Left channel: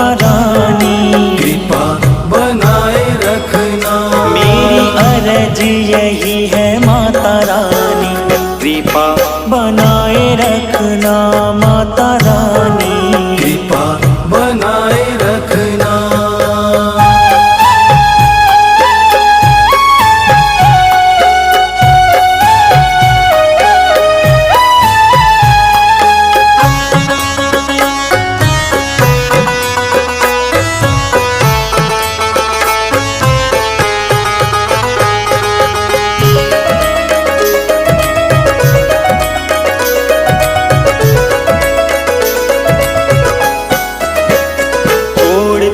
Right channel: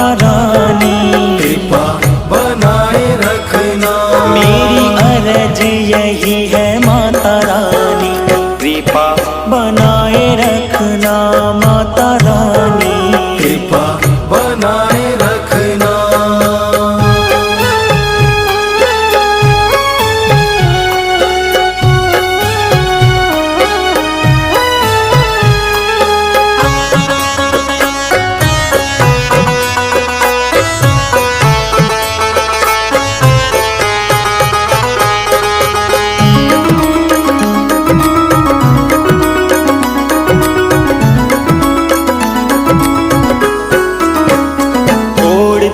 माता रानी। कृपा बनाए रखना। मेरी अर्ज यही है माता रानी, कृपा बनाए रखना माता रानी। कृपा बनाए रखना।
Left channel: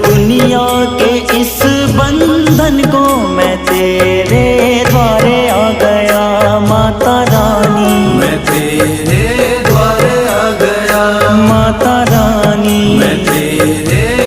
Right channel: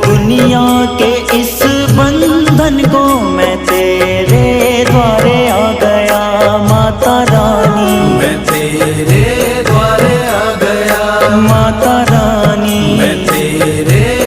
दुनिया के इस बंधन को मैं तेरे द्वारे आ गया माता रानी। मैं तेरे द्वारे आ गया माता रानी।